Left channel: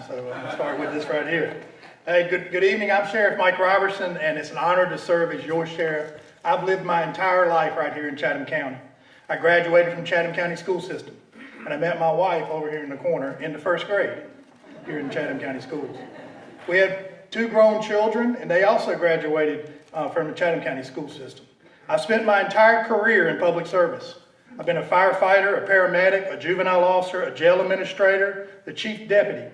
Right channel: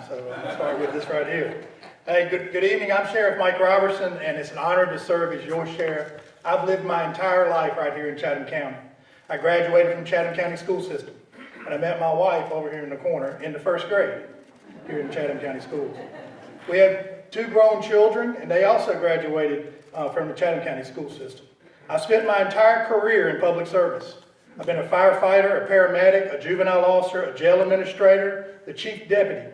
time, so I'm going to start with this right here. Hey, good evening. I'm Sheriff Mike Roberson, and it's an honor to serve as your sheriff. I've lived my entire life right here in Chatham County. I graduated from Chatham County school system, and I met my wife over here in the corner in the first grade here in Chatham County schools. We have 2 grown children, and they also graduated from the Chatham County school system. I spent my entire career in public service. I've been a firefighter, a paramedic, a juvenile officer, a jail administrator, the chief deputy.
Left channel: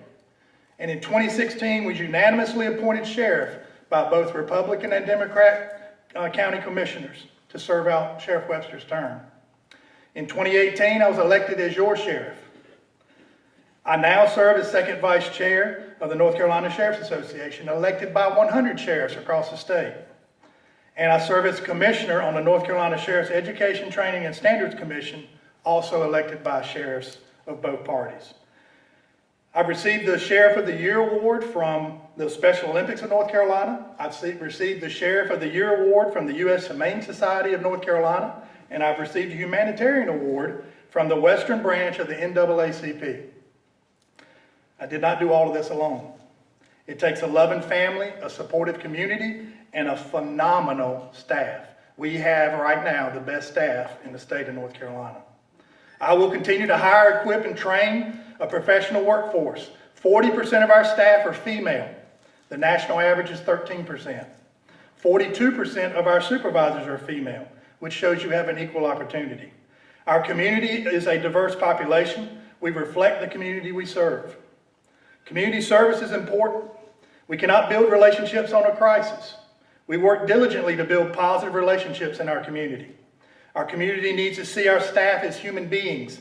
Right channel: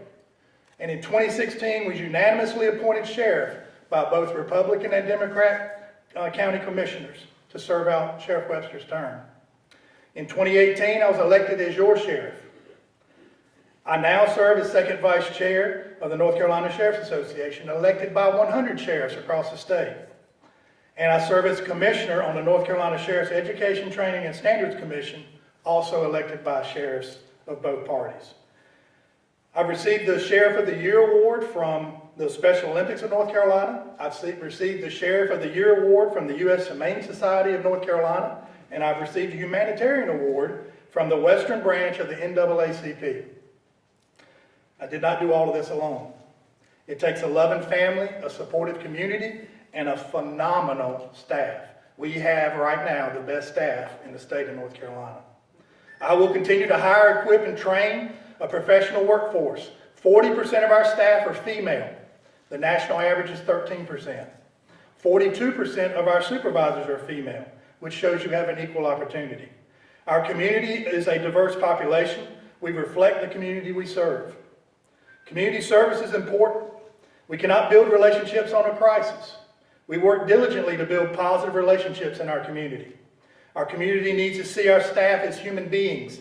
And in 2016 was unanimously appointed sheriff by both Republican and Democrat county commissioners to serve out Sheriff Webster's term. In 2018, I was elected as your sheriff. I now serve as second vice chair of the North Carolina Sheriff's Association, elected by 100 sheriffs across the state. And I serve as commissioner on the North Carolina Sheriff's Education, Training, and Standards Commission, also elected by sheriffs of both parties. I've received the Sheriff of the Year Award from the Special Olympics of North Carolina. I've received the Sheriff of the Year Award from the U.S. Humane Society of North Carolina, and I've received a Humanitarian Award from the Western Branch of the NAACP. I did not do all of this alone. It takes a loving family, a supportive community, and a phenomenal staff. We have right now the best staff in the state of North Carolina. I will continue to hire, equip, and train a professional workforce. 40% of our staff are female. The national average is 13%. 42% of our supervisors are female, which shows you have an equal opportunity. Our community is a diverse population. We reflect the community we serve. Community service is important. We cannot build relationships on a crisis. We work diligently to build positive relationships in our community. Our community needs to see our staff as human beings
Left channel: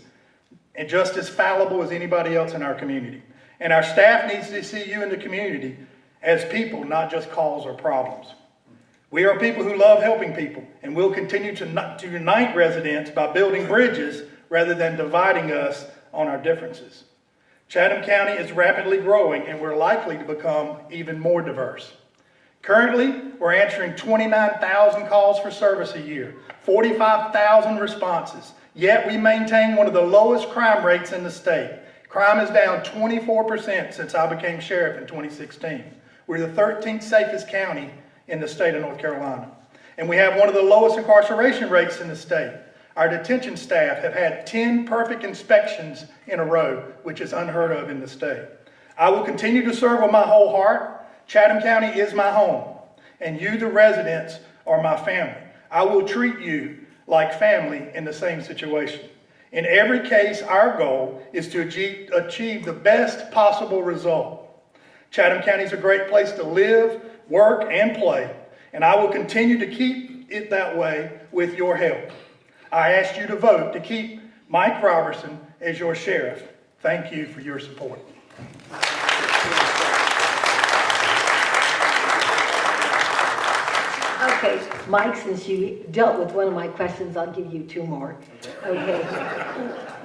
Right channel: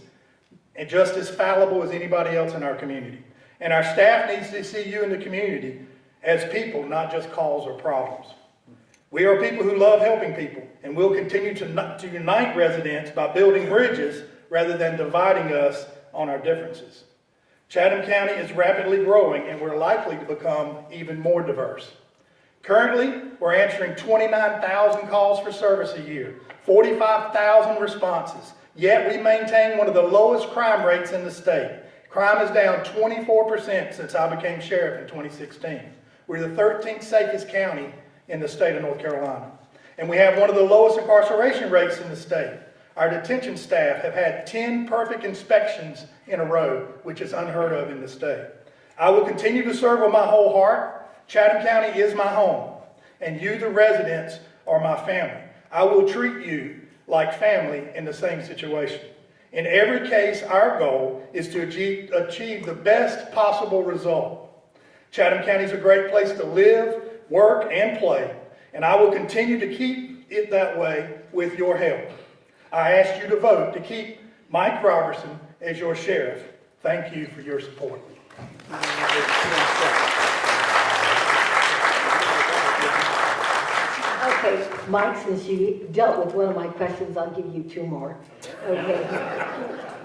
and just as fallible as anybody else in our community. And our staff needs to see you in the community as people, not just calls or problems. We are people who love helping people, and we'll continue to unite residents by building bridges rather than dividing us on our differences. Chatham County is rapidly growing, and we're likely to become even more diverse. Currently, we're answering 29,000 calls for service a year, 45,000 responses, yet we maintain one of the lowest crime rates in the state. Crime is down 24% since I became sheriff in 2016. We're the 13th safest county in the state of North Carolina. And we have one of the lowest incarceration rates in the state. Our detention staff have had 10 perfect inspections in a row, which is unheard of in the state. I will continue to serve with my whole heart. Chatham County is my home, and you, the residents, are my family. I will treat you like family in the same situation. In every case, our goal is to achieve the best possible result. Chatham County is a great place to live, work, and play, and I will continue to keep it that way with your help. I ask you to vote to keep Mike Roberson as your sheriff. Thank you for your support. Okay, Mike, since you dealt with one of my questions, I'll give you 2 more. Okay.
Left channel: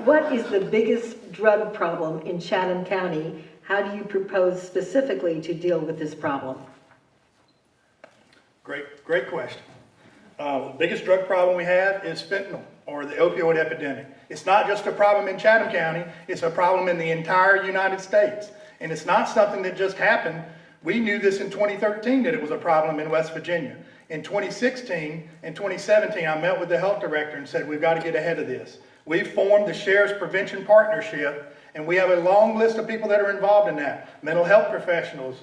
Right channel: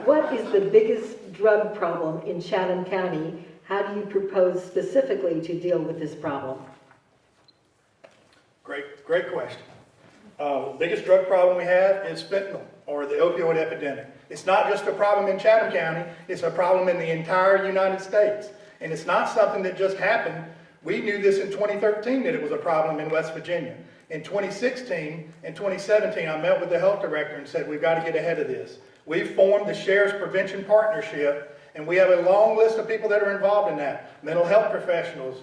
What is the biggest drug problem in Chatham County? How do you propose specifically to deal with this problem? Great question. The biggest drug problem we have is fentanyl, or the opioid epidemic. It's not just a problem in Chatham County, it's a problem in the entire United States. And it's not something that just happened. We knew this in 2013 that it was a problem in West Virginia. In 2016 and 2017, I met with the health director and said, we've got to get ahead of this. We've formed the Sheriff's Prevention Partnership, and we have a long list of people that are involved in that. Mental health professionals,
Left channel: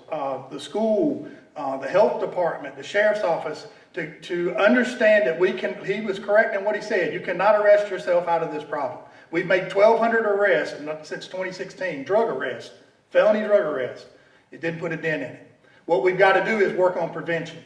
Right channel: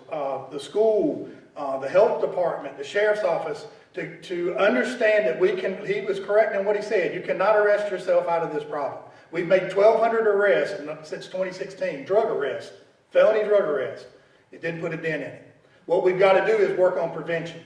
the school, the health department, the sheriff's office, to understand that he was correct in what he said. You cannot arrest yourself out of this problem. We've made 1,200 arrests since 2016, drug arrests, felony drug arrests. It didn't put a dent in it. What we've got to do is work on prevention.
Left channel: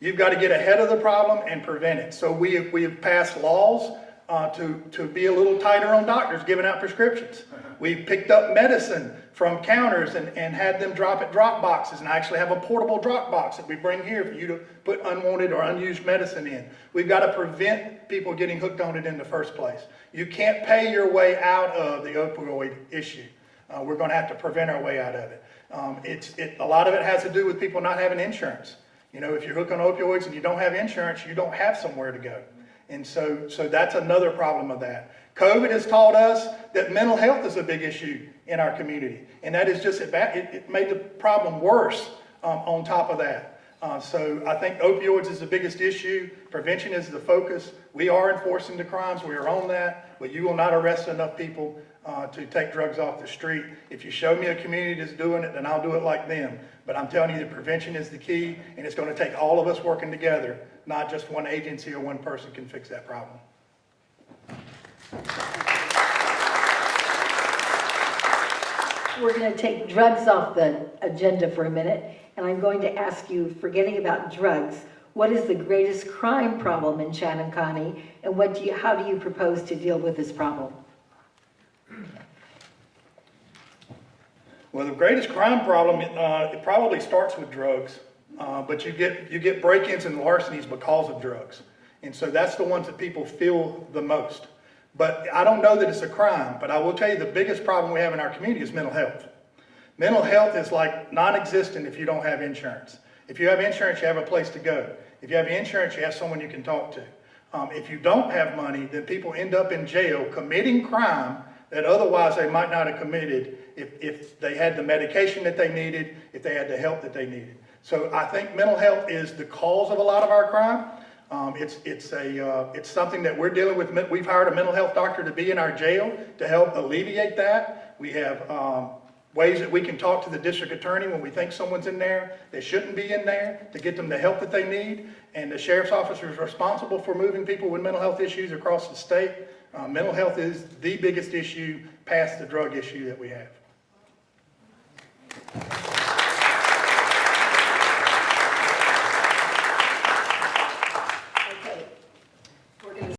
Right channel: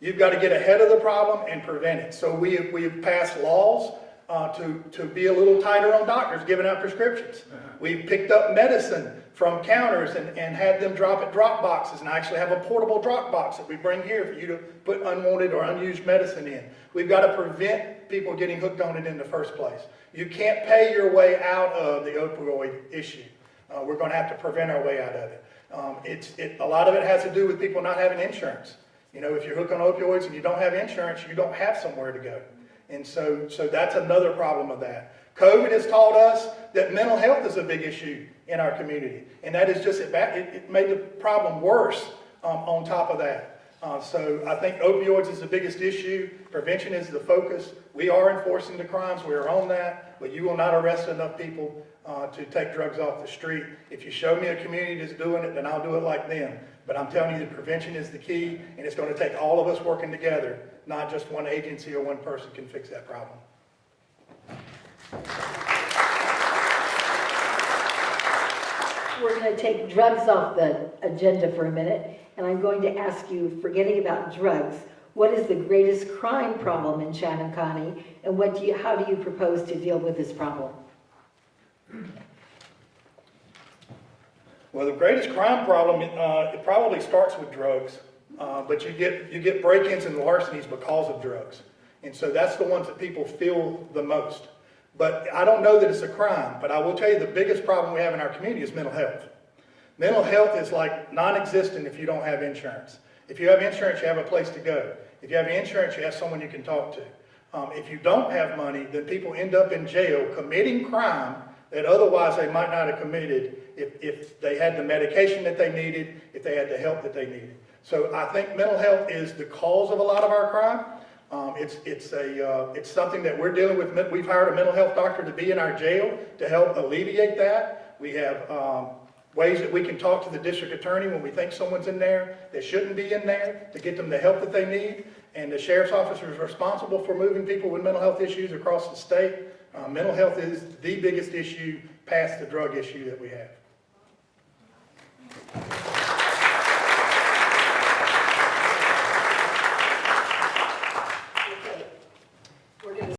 You've got to get ahead of the problem and prevent it. So we have passed laws to be a little tighter on doctors giving out prescriptions. We've picked up medicine from counters and had them drop at drop boxes, and I actually have a portable drop box that we bring here for you to put unwanted or unused medicine in. We've got to prevent people getting hooked on it in the first place. You can't pay your way out of the opioid issue. We're going to have to prevent our way out of it. A lot of it has to do with people not having insurance. You know, if you're hooked on opioids and you don't have insurance, you don't have somewhere to go. And so that's another problem of that. COVID has taught us that mental health is a big issue in our community, and that is just, it made the problem worse on top of that. So I think opioids is the biggest issue. Prevention is the focus. We are enforcing the crimes. We are on that, but you will not arrest enough people to take drugs off the street. If you show me a community that's doing it, then I'll do it like them. But I'm telling you that prevention is the key, and it's going to take all of us working together, not just one agency or one person can fix that problem. We're going to take drugs off the agenda for a minute, and I'm going to ask you, forgetting about drugs, what is the greatest crime problem in Chatham County, and how do you propose to deal with this problem? Well, the greatest crime problem, it probably starts with drugs, but you get break-ins and larcenies because of drugs. And so that's the ones that people feel the most. But I don't know that it's a crime, but I will tell you the biggest problem we have in our community is mental health. Mental health is like non-existent if you don't have insurance. If you have insurance, you have a place to go. If you have insurance, you have someone you can talk to. If you don't have money, then people end up in jail committing crime that otherwise they might not have committed if they had the medication that they needed, if they had the help that they needed. So I think mental health is the cause of a lot of our crime. It's something that we're dealing with. We've hired a mental health doctor to be in our jail to help alleviate that. We have ways that we can talk to the district attorney when we think someone's in there that shouldn't be in there to get them the help that they need. And the sheriff's officer is responsible for moving people with mental health issues across the state. Mental health is the biggest issue past the drug issue that we have.